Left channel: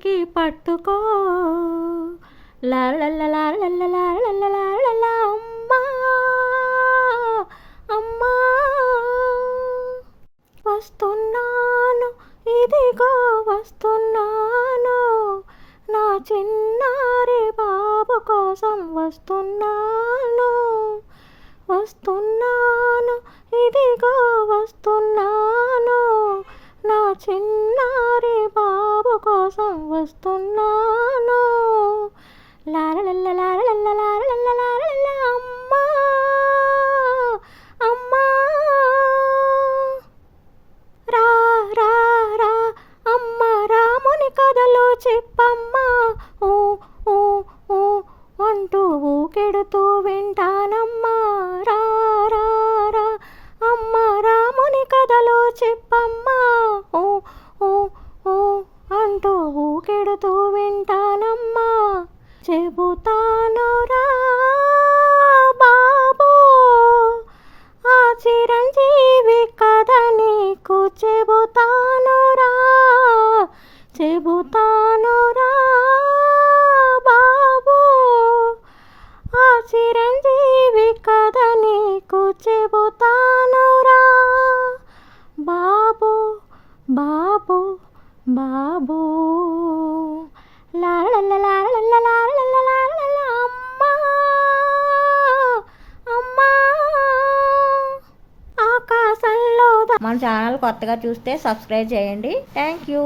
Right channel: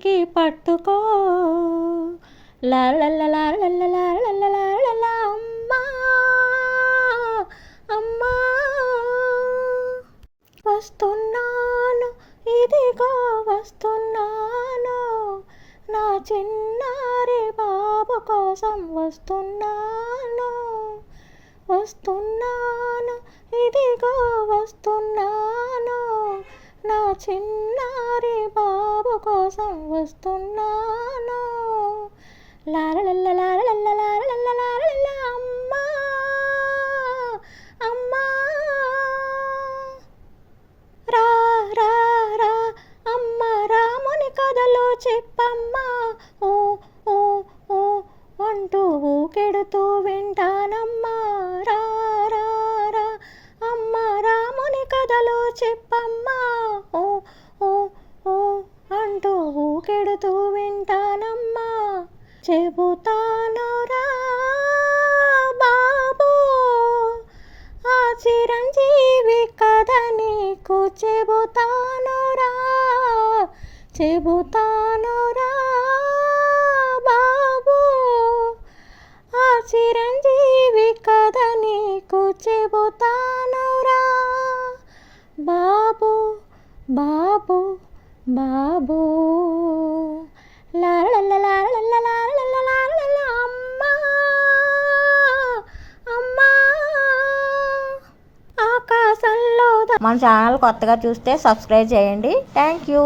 చేతికి పట్టుకో లాలల్లలాలల్లలాలల్లలాలల్ల అమ్మా అమ్మా వస్తున్నాను ఇదిగో వస్తున్నాను నా చిన్నారి బాబు కోసం వస్తున్నాను వస్తున్నాను ఇదిగో వస్తున్నాను నా చిన్నారి బాబు కోసం వస్తున్నాను లాలల్లలాలల్లలాలల్ల అమ్మా అమ్మా రా రా రా అమ్మ రాముని కథలు చెప్పమ్మా ఓ ఓ ఓ అంటూ ఊకెడుతూ వింటానమ్మా రా రా రా అమ్మ రాముని కథలు చెప్పమ్మా ఓ ఓ ఓ అంటూ ఊకెడుతూ వింటానమ్మా చెబుతాను రా బాబు ఆ చిరంజీవి కథ నీకు చెబుతాను రా బాబు ఆ చిరంజీవి కథ నీకు చెబుతాను రా బాబు బాబు బాబు లాలల్లలాలల్లలాలల్ల అమ్మా అమ్మా ఆకాశంలో మన ఛానల్ కొత్తగా చూస్తే సబ్స్క్రైబ్ చేయండి. Thank you.